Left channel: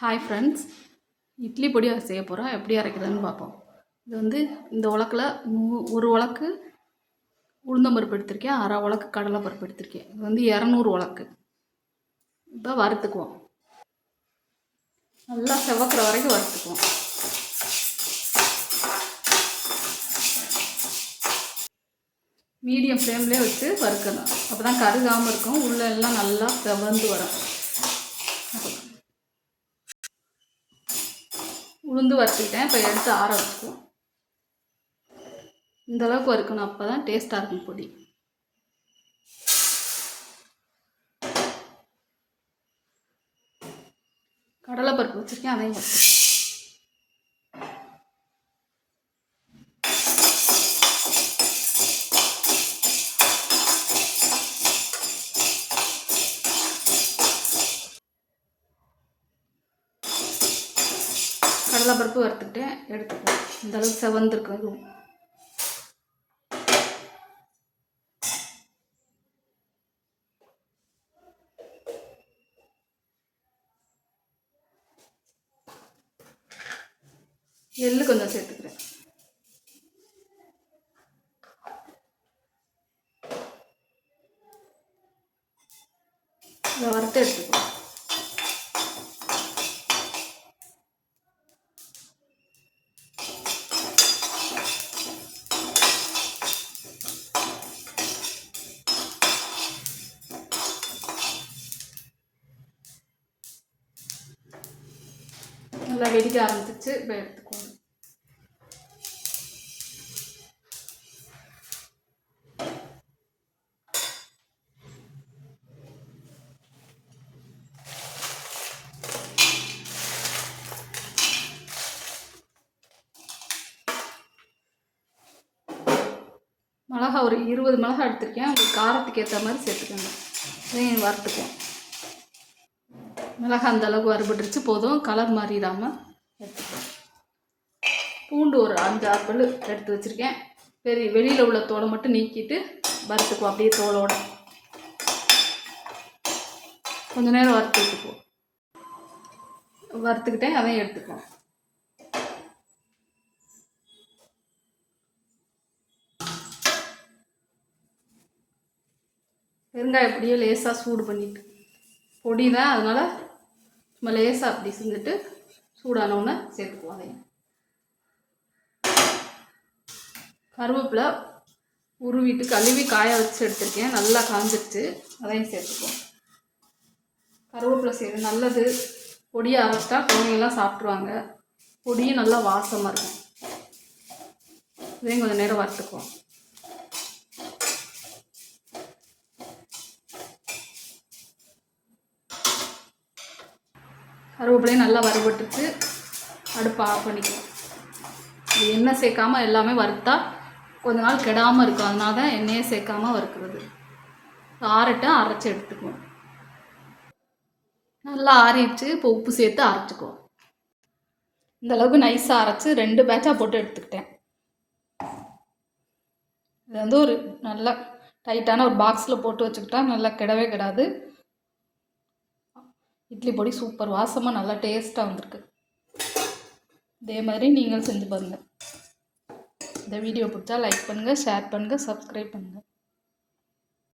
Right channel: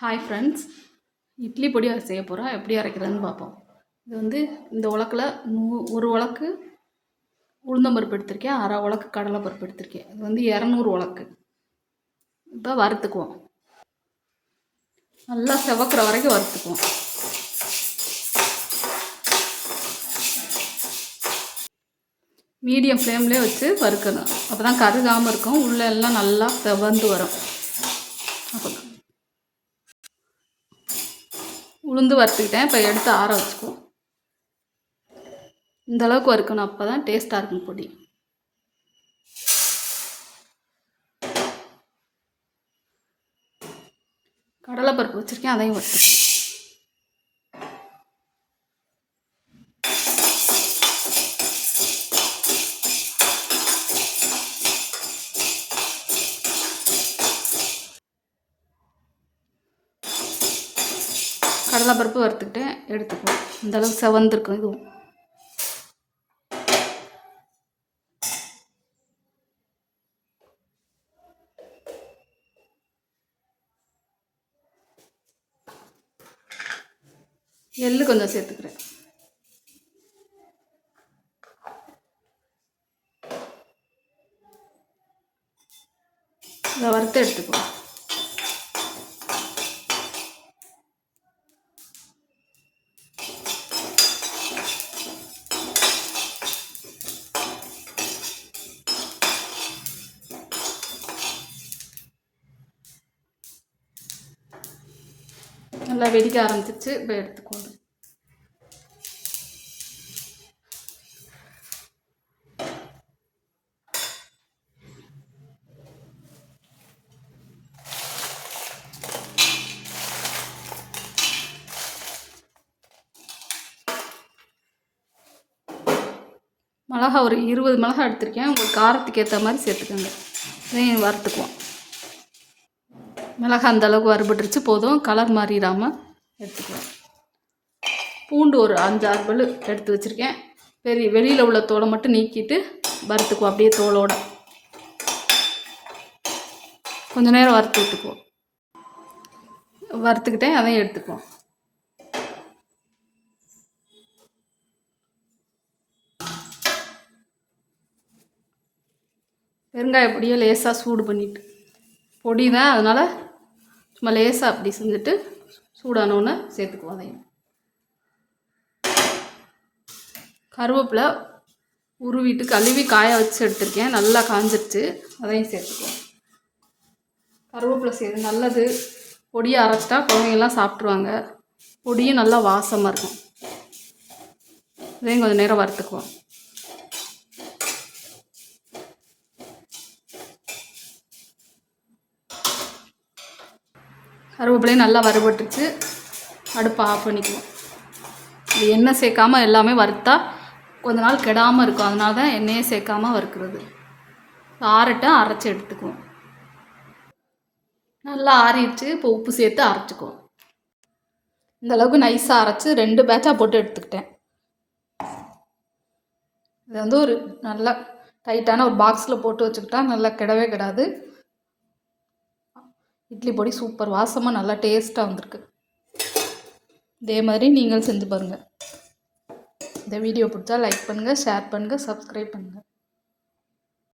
Hi friends, idli பொடி செய்ய போகிறோம். எப்படி அரைக்கிறதுன்னு பார்ப்போம். இது வந்து இந்த உலக்கில் ஒரு உலக்கு உளுந்தம்பருப்பு எடுத்திருக்கேன், அரை உலக்கு கடலைப்பருப்பு எடுத்திருக்கேன். இது வந்து 200 உலக்கு. இப்போ வறுத்துக்குவோம். நல்லா செவக்கிற வரைக்கும் வறுத்துக்குவோம். மீடியம் ஃப்ளேம்லேயே வச்சு வறுக்கணும். அப்போ தான் கருகாமல் இருக்கும், உள்ளே எல்லாம் நல்லா செவந்து வரும். உளுந்து வறுத்துக்கிட்டேன். இப்போ எடுத்து ஆற வச்சுக்குவோம். இந்தளவுக்கு வறுக்கணும், அப்போ தான் டேஸ்ட்டாக இருக்கும் பொடி. கடலைப்பருப்பு வச்சுருக்கேன், அதையும் வறுத்துக்கேன். கடலைப்பருப்பு வறுத்துக்கிட்டேன், எடுத்துக்குவோம். இந்தளவுக்கு செவந்துருக்கும். இதுவும் எள்ளு கொஞ்சம் சேர்த்துக்கிறேன். இதை வறுத்து எடுத்துக்குவோம். நல்லா வெடிக்க ஆரம்பிச்சிச்சு. இப்போ எடுத்துக்கோங்க. மிளகா ஒரு 20 மிளகா எடுத்திருக்கேன். உங்களுக்கு காரத்துக்கு ஏற்ற மாதிரி சேர்த்துக்கோங்க. இதையும் வறுத்துக்குவோம். மிளகா அந்தளவுக்கு வறுபட்டுருச்சு, போதும். கலர் மாறிடாமல் எடுத்துக்குவோம். பூண்டு ஒரு 5-6 பல் எடுத்து வச்சுருக்கேன். வெளியில் உள்ள தோலை மட்டும் நீக்கிட்டு வறுத்துக்குவோம். அப்படியே தோலோட கொஞ்சம் நேரம் வறுத்து விட்டுக்குவோம். வறுத்துக்கிட்டேன், அதையும் எடுத்துக்குவோம். வெங்காயம் அப்படியே லேசாக சூடு பண்ணிவிட்டு, பொடி தான் அதனால் சும்மா லேசாக அப்படி செஞ்சுட்டு சூடானோன்னு சேர்த்துக்குவோம். அதையும் கருவேப்பிலை உருவிட்டு கழுவி காய வச்சு எடுத்துருக்கேன். நல்லா காஞ்சிருச்சு, அதையும் சேர்த்துக்குவோம். கருவேப்பிலை சேர்த்து நல்லது. பொடியை அரைச்சிட்டா குழந்தைங்கள்லாம் சாப்பிட்ருவாங்க. பொடியும் நல்லா வாசமாக இருக்கும். இதையும் கொஞ்சம் நேரம் வறுத்துக்குவோம். கருவேப்பிலையும் நல்லா வறுபட்டுச்சு. அடுப்பை ஆஃப் பண்ணிக்குவோம். இது எண்ணெய் சேர்க்காமல் எல்லாமே வறுத்தா கொஞ்ச நாள் கெடாமல் இருக்கும். அதனால தான் எண்ணெயை சேர்க்காமல் வறுக்கிறது. ஆறட்டும், அரைச்சி எடுத்துக்குவோம். நல்லா ஆறிடுச்சு. இப்போ உப்பு சேர்த்து அரைச்சிக்குவோம். இந்தளவுக்கு நைஸாக அரைச்சி 2 பேட்சாக போட்டு எடுத்துக்கிட்டேன். இது வந்து ஒரு நல்லா டைட்டான ஒரு பாக்ஸில் போட்டு வச்சுக்கிட்டா நல்லா கெடவே கெடாது. இட்லி பொடி சூப்பர் வாசமாக நல்லா டேஸ்ட்டாக வந்திருக்கு. இதே மாதிரி நீங்கள் செஞ்சு பாருங்கள். இந்த வீடியோ பிடிச்சா லைக் பண்ணுங்கள், ஷேர் பண்ணுங்கள், சப்ஸ்கிரைப் பண்ணுங்கள்.